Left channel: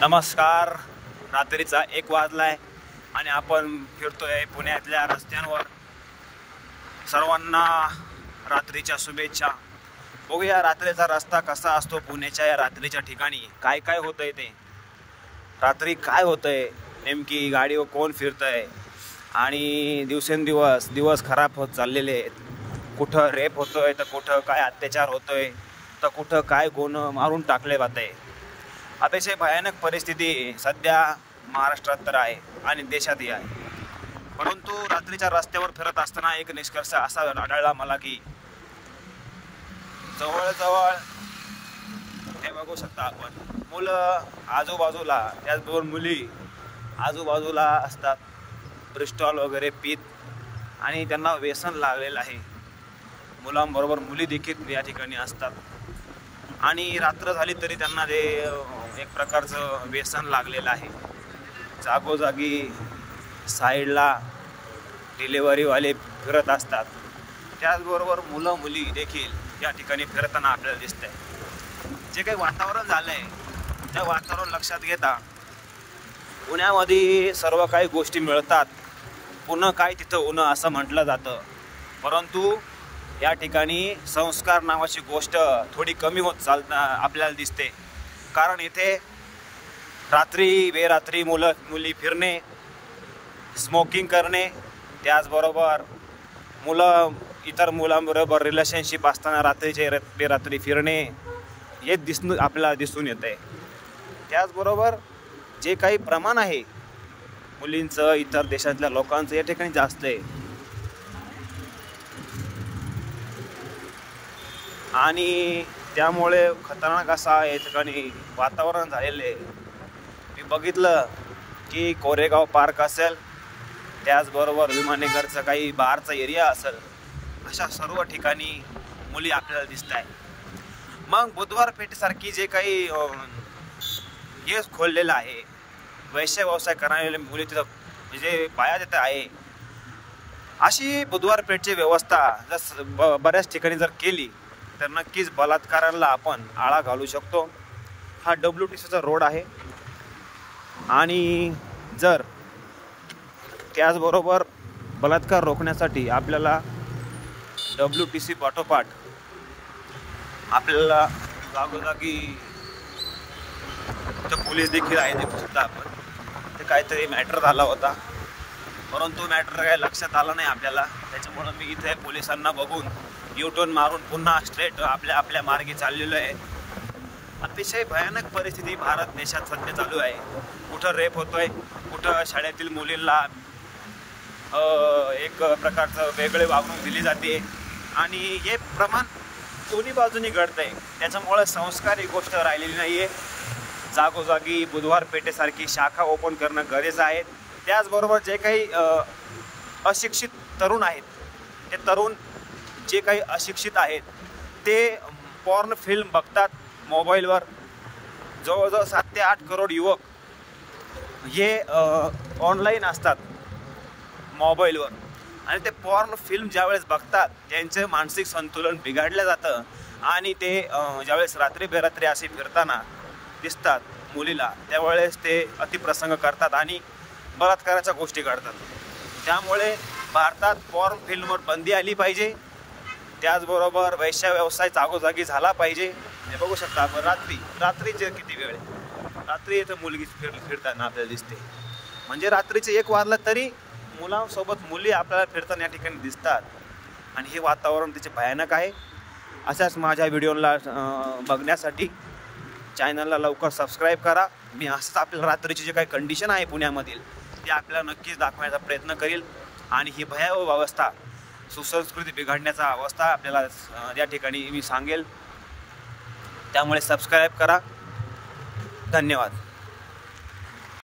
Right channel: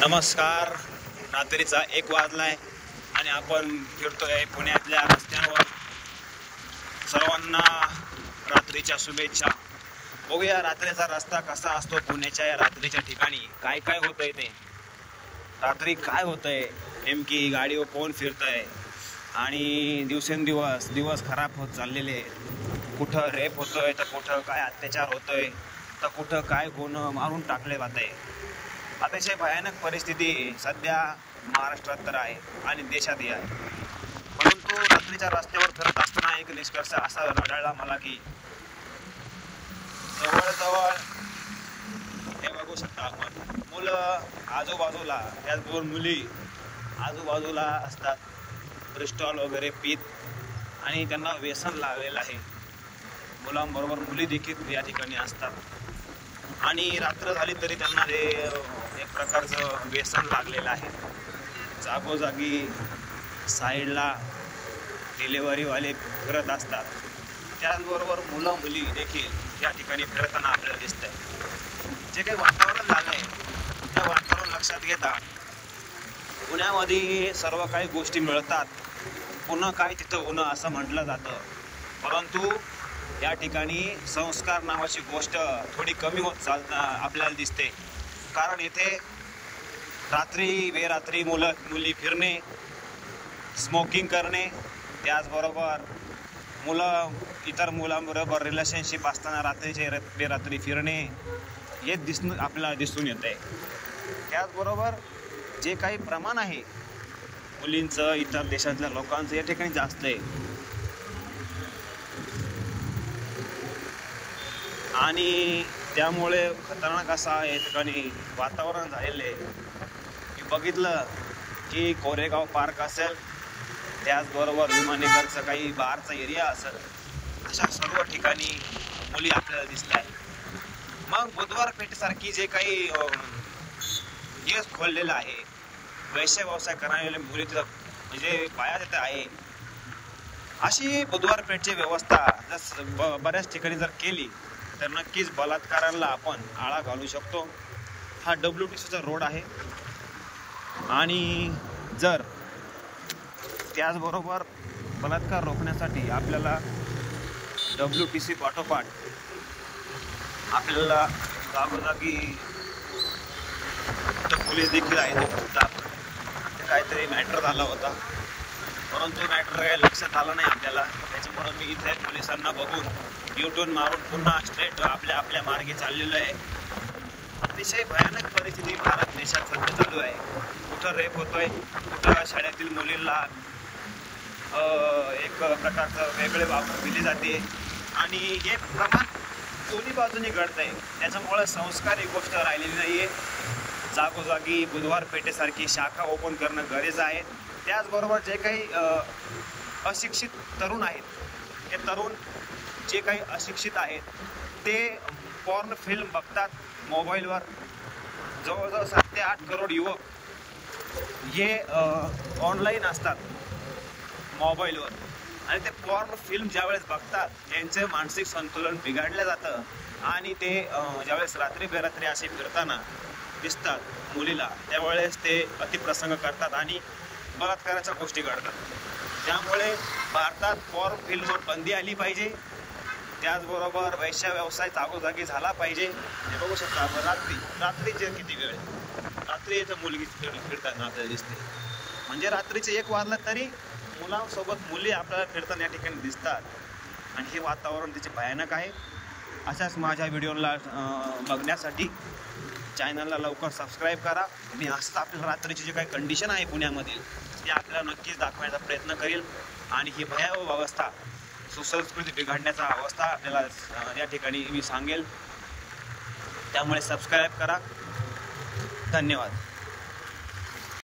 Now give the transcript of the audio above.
नमस्कार. रात्रीचा 1 वाजलाय आणि आपण फिरतोय पुण्यातल्या रस्त्यांवर. सर्वांना रात्रीच्या शुभेच्छा. बघूया रात्रीचा रस्ता कसा असतो पुण्याच्या या रात्रीच्या ठिकाणी. काय काय होतंय ते रात्री, काय होतंय नेमकी, गाडीवर कोण फिरतंय आणि दिवसेंदिवस खराब होत चाललेले. कुठं रेप होतोय तर कुठं काय अत्याचार होतोय तर कुठं काय गुन्हा मारून टाकले जाते. अतिशय भयानक परिस्थिती सध्या महाराष्ट्रात तर आहे आणि देशातही आहे. परंतु रात्रीच्या रस्त्यावर फिरत असताना एक निष्कर्ष असा आढळला मला की जवळजवळ हे बघू शकता आपण, मुलं आजूबाजूला, त्याचबरोबर मुली आजूबाजूला असतात, क्रिस्टॉल वगैरे पीत, आणि त्यांना व्यसन लागलेलं आहे. मुलांबरोबर मुली देखील या ठिकाणी असतात आणि रात्र झाली तरी त्यांना ते एक प्रकारचं व्यसन लागलेलं आहे. जागोजागी साईडला डिलेवरीवाले फिरत असतात. त्याचबरोबर मुलं मुली देखील या ठिकाणी फिरताना आपल्याला दिसत आहे. जे काही वातावरण झालं आहे ते वातावरण लक्षात घेता पुण्यामध्ये सर्व काही गोष्टी मिळतात. पुन्हा काय तिथं उन्ह असं म्हटलं जातं, परंतु या ठिकाणी संस्कार नावाची गोष्ट थोडी कमी होत आपल्याला दिसते. कारण येथे रात्री बेरात्री मुली फिरणे, स्मोकिंग करणे, त्याचबरोबर मुलं इतर मुलांबरोबर रिलेशनशिप असताना रात्रीचे बेरात्री फिरणे हे आपल्याला दिसून येत आहे. त्याचबरोबर जे काही प्रमाण आहे मुलींचं इतर देशातल्या लोकांचं या ठिकाणी जास्त आहे. आणि त्यामुळे खतरनाक असा या ठिकाणी वातावरण झालेलं आहे. मी बघितलं की कोरेगाव पार्क असेल, त्याचबरोबर विमाननगरचं काही बारचा एरिया असेल, अशा सर्व ठिकाणी मुली आपल्याला दिसत आहे. मग बुधवार पेठेसारखी जे काही हे खोललेलं आहे, वैश्य व्यवसाय करणारे मुली तिथं म्हणजे पाया देत आहे. अशी बुधवार पेठची व्यवस्था जर बऱ्याच ठिकाणी जर केली तर नक्कीच बलात्काराला आपण आळा घालू शकतो. हा WTCचा रोड आहे आणि जर त्याचबरोबर बलात्कार रोखण्यासाठी आपल्याला WTC पाठोपाठ आपल्याला जागोजागी तर पोलीस देखील आहे. सुद्धा आपण ते काहीतरी मॅटर झाला होता, परंतु मॅटर काय लक्षात आलं नाही आपल्याला. त्याच्यामुळं मी इथे पोलिसांना बघून U-turn मारून पुन्हा स्ट्रेट आपल्या मार्गे चाललेलो आहे. अतिशय भयानक परिस्थिती भारत देशात सध्या चालू आहे. कुठं रेप होतोय, कुठं शाळेतील मुलींना एक प्रकारचं वेगळे वागणूक दिली जाते आणि हे प्रमाण दोन्ही बाजूनी घडतं आहे. त्याच्यामुळं संस्कार ही गोष्ट राहिलेली नाही आहे. जागोजागी बुधवार पेठेसारखी शाखा ओपन करणं गरजेचं आहे. त्याचबरोबर जे काही अशिक्षित तरुण आहेत, ते तरुण जे काही अशिक्षित आहेत ते पॉर्न फिल्म बघतात मोबाईलवर. जवळजवळ 7 ते 8 करोड युवक हे ऑनलाईन असतात मोबाईलवर, आणि ते पॉर्न फिल्म ज्यावेळेस बघतात त्यांचं मानसिक संतुलन बिघडलं जातं आणि ते ज्यावेळेस रात्री बेरात्री असे फिरताना दिसतात मुलीला, त्यावेळेस ते अतिप्रसंग करतात आणि बलात्काराच्या गोष्टी करतात. त्यामुळे भारतात पॉर्न फिल्मवर बंदी आली पाहिजे. त्याचबरोबर वैश्य व्यवसाय जागोजागी झाला पाहिजे. हे बघू शकता आपण रात्रीचे किती वेळ, रात्री इथं मुलगी फिरताना आपल्याला दिसते. म्हणजे रात्रीचे 1 वाजला तरी मुलांसोबत मुली आपल्याला फिरताना या ठिकाणी दिसतात आणि हे वातावरण तिचे भयानक आहे. अशाच माझ्या व्हिडिओला बघण्यासाठी चॅनलला लवकर सबस्क्राईब करा. मी असं आपल्याला रात्रीची जे काही कंडिशन आहे पुण्यामधील ते आपल्याला नक्कीच दाखवण्याचा प्रयत्न करील आणि ही भयावह अवस्था, सुसंस्कृती बिघडण्याचा अवस्था आपल्याला या ठिकाणी मी सांगेल. त्यामुळे सबस्क्राईब करा. धन्यवाद.